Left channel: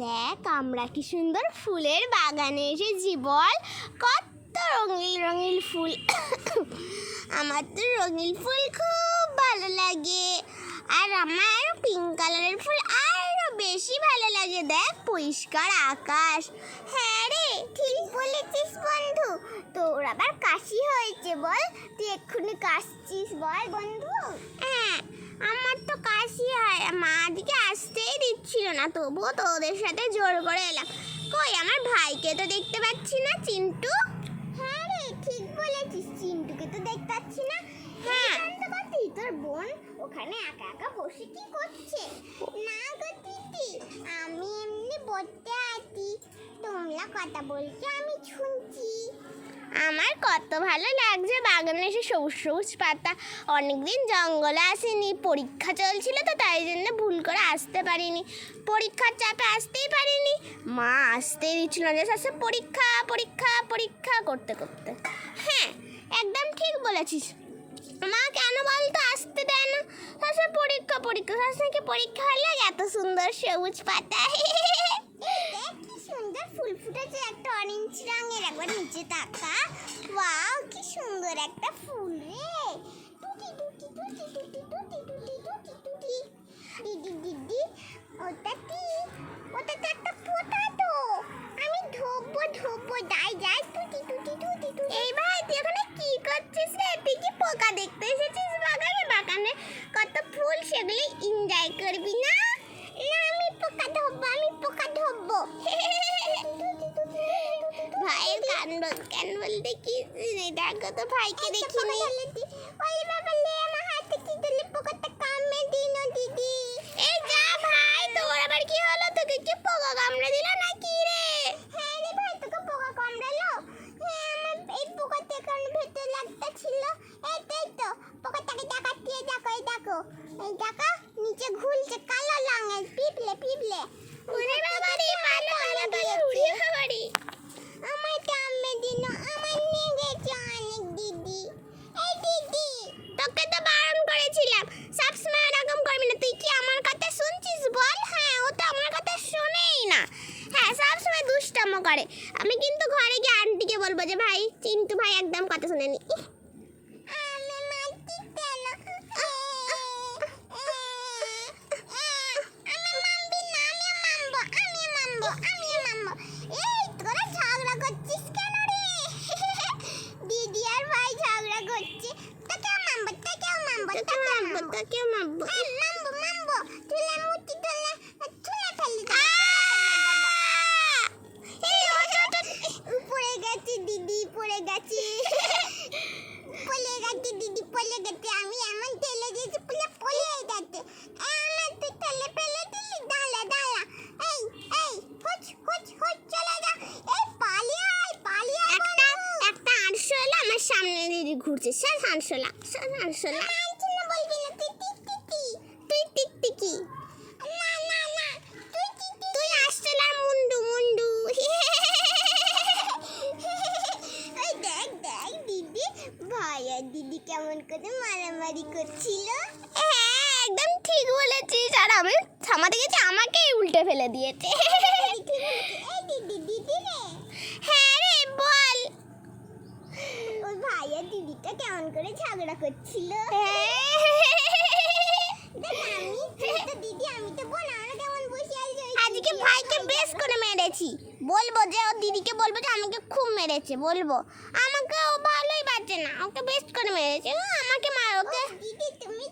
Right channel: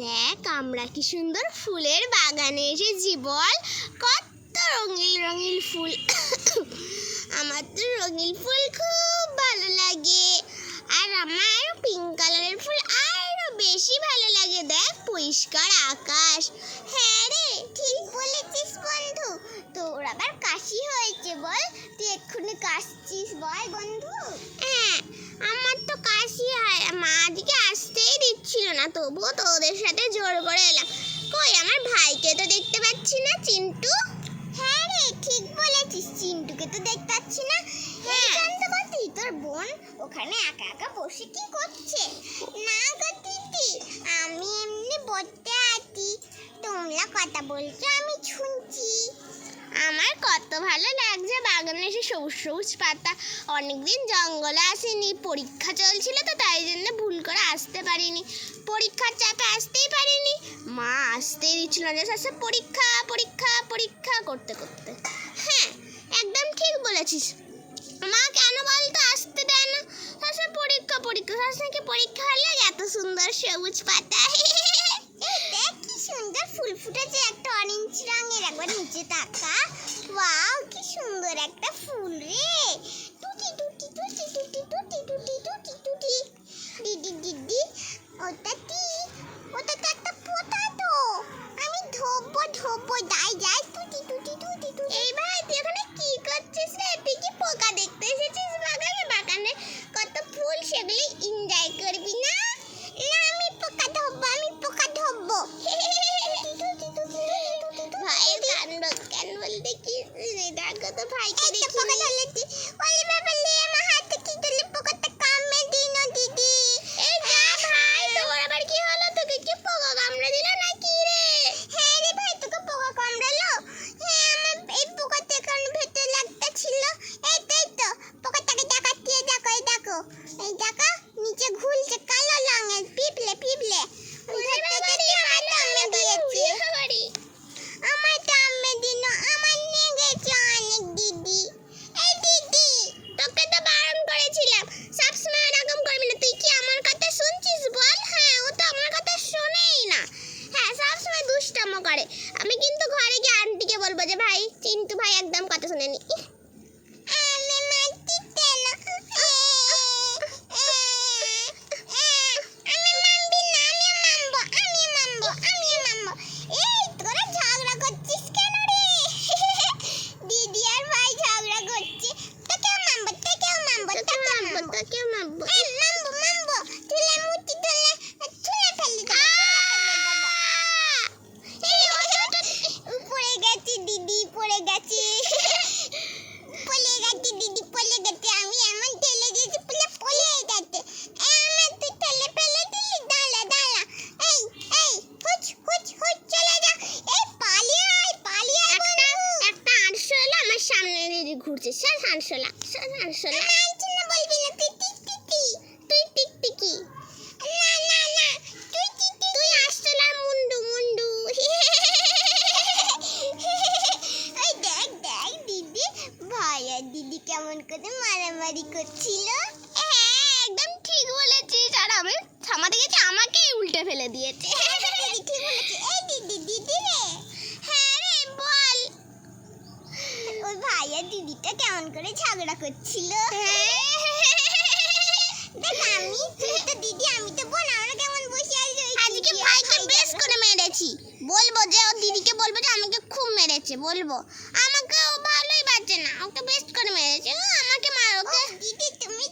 দেখ আমরা কি সুন্দর ফুলের বাগানে এসেছি বল, কত রঙিন রঙিন ফুল। আমার তো রঙিন ফুল খুব ভালো লাগে, আর আমার পিঙ্ক কালারের ফুল আরো বেশি ভালো লাগে। দেখ পরিষ্কার আকাশ। হ্যাঁ রে, ঠিক বলেছিস বন্ধু। তোর আবার কাশি হয়েছে বল, তুই এক্ষুনি কাশছিস বল বন্ধু। হ্যাঁ, আমার তো কাশি হয়, মা আজকে আসতেই দিচ্ছিল না, তবুও তোদের সাথে জোর করে এলাম। কই আমার ভাইকে তো দেখতে পাচ্ছি না, চিন্টু। হ্যাঁ রে, ঠিক বলেছিস, চিন্টুকে তো দেখতে পাচ্ছি না। হ্যাঁ তুই তোর বোন ওখানে একা একা বসে কি করছে? না গো দিদি, আমি এমনি বসতে আছি, তোমরা কথা বলছো আমি শুনছি। আমার কত ভালো লাগছে বাগানে এসে, সবুজ সবুজ পাতা। অনেকদিন জঙ্গলে আসিনি, পরীক্ষা চলছিল তো তাই জন্য ভুল করে আসতে পারিনি, পরীক্ষার চাপে আসতেই পারিনি। মা আসতেই দিচ্ছিল না, শেষে পরীক্ষা পরীক্ষা পরীক্ষা করতে করতে। হ্যাঁ একদম ঠিক বলেছিস, মা কেন বলতো আসতে দেয় না, শেষে পরীক্ষা পরীক্ষা, শেষে কি পরীক্ষা হলে এত সুন্দর সবুজ পাতা। দেখ কি সুন্দর ফুল ফুটেছে, একটা অরেঞ্জ রঙের, একবার নিচে তাকা। ওয়াও কি সুন্দর একটা ফুল রে। টুটি টুটি টুটি টুটি টুটি টুটি টুটি টুটি। দিদি দিদি, ওটা কি? ওটা তো একটা পোটাটো, আমি ধোবো ধোবো, যাই যাই টুটি টুটি টুটি টুটি। এই ভাই তুই এখানে কি করছিস রে? তুই কি পোকা দেখতে এসেছিস বাগানে? বাগানে কত ফুল, সেগুলো এনজয় করবি না? না আমি পোকা ধরবো, আমি পোকা ধরবো। ভাইয়ের কাণ্ড কেন বলতে কি, দেখো তো ভাইকে দেখি পোকা ধরলে। ওরে বাবা লে, আমার হাতে কি ধরলে, পোকাটা কামড়ে দিল দিদি। এই যা ভাই, তোমার আবার কি হলো? তোকে কি পোকা কামড়ে দিল নাকি রে? হ্যাঁ রে ভাই, তোকে পোকা কামড়ালো? হ্যাঁ, আমার এই পোকাটা কারণ ভেতরে লাগতে ছিল। এই তো পোকাটাকে দেখাচ্ছি, দেখো এই দেখো, এই দেখো নিচে ঘুরছে, কালো রঙের পিপলে পিপলে। আমার কামড়ে দিল, আমার নিয়ে গেছে অনেক দিদি। এই দিদি, তোকে তো বারণ করেছিলাম সবসময় এরকম করবি না, তুই কি আমার কথা শুনছিস বল? হ্যাঁ, ও তো আমার কথা শোনেই না। হ্যাঁ, সবসময় দুষ্টামো করে। আমি কিন্তু ঘরে গিয়ে আন্টিকে বলবো যে ভাই, চিন্টু ভাই একদম কথা শোনেনি। আমি মারছি কেন? আমি মারবি না, আমি মারবো, আমি মারবো, আমি মারবো। এই তোরা ঝগড়া করছিস কেন রে? দিদি আর ভাই ঝগড়া করছে, তোকেও মারবো, তোকেও মারবো, তোকেও মারবো, তোকেও মারবো, মারবো মারবো। তুলে মুটি তুলে তুলে ফেলে দেবো। পড়ে গেছি দিদি, পড়ে গেছি, পড়ে গেছি দিদি, পড়ে গেছে। আমি এমন ঠেলে দিয়েছি, পড়ে গেছে। আমার তুই ঠেলে ফেলে দিলি, দাঁড়া দাঁড়া। এই এই হুচ হুচ হুচ, চলে যা। এই পালিয়ে আয়, পালিয়ে আয়। একটা আরশোলা আমার সামনে দিদি ঘুরছে, স্যার আরশোলা, স্যার আরশোলা। মানছি না, বলবি না, তুই টিকটিকি, তুই টিকটিকি। না না না, তুই টিকটিকি, তুই আরশোলা মুন্ডু মুন্ডু। ওই দেখ দেখ দিদি, ভাই আর দিদি কেমন করে মারামারি করছিল। হ্যাঁ একদম ঠিক বলেছিস, আর আমি থামাতে গেছি, আমাকেই উল্টে ফেলে দিয়েছে। ঠিক বলেছিস। এই দিদি, দিদি রে। হ্যাঁ রে বল। ওই ভাই আর দিদিটা কেমন করে ঝগড়া করছিল। দেখ আমি, তুই তো দিদি, আমি তো বোন, আমরা কেমন বসে আছি। আজকে ভাইকে বেশ করে মেরেছি, বলবো যে ও দিদিকে বলবো যে আমাকে খুব মেরেছে, বলবো। আমাকে ও ভালোই বাঁচে না, ওকে বেশ করে মেরেছে, আমাকে মারো। দিদি তুমি